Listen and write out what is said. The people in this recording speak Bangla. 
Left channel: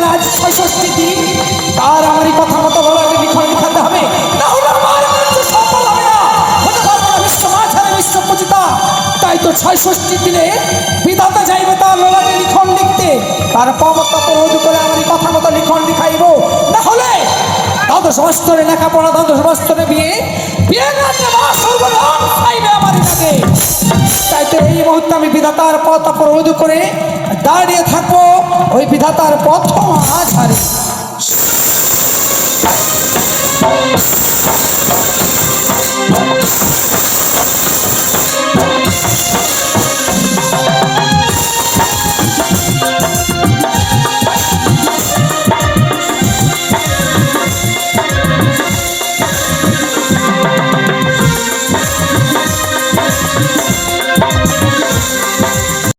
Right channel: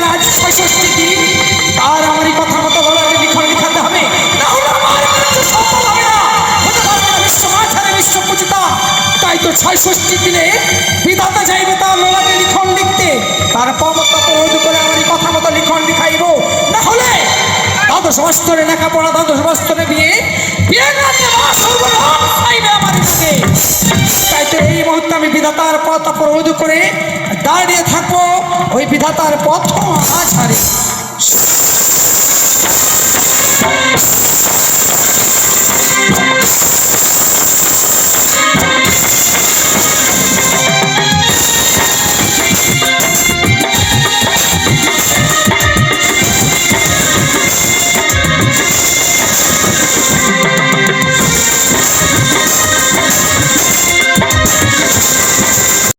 বিদ্যার আজ ৬৬ দিন, তার আমারই কথা মতো লড়াইয়ে লিখন লিখাতে হবে, তাহলে আমার মৃত্যু সফল হবে না, হতে পারবে না বিশ্ব মাঝারে বিশ্ব পূজিতা। তাই তো ৬৬ দিনে বিধাতা যাইবে তার লড়াইয়ে লিখন লিখতে, তার পমত্তা রোধ করে আমারই কথা মতো লিখন লিখাইব, না হলে দ্বাদশ বস্তরে লেখাপড়া, দ্বাদশ বস্তরে বিয়ে রাতে মা সর্বনাম খাইবে আমারই লাগে। তাই তো এই মুহূর্তে আমি বিধাতার পথ অবরোধ করে দাঁড়িয়ে থাকবো ওই বিধাতার পথ আছাড়ে।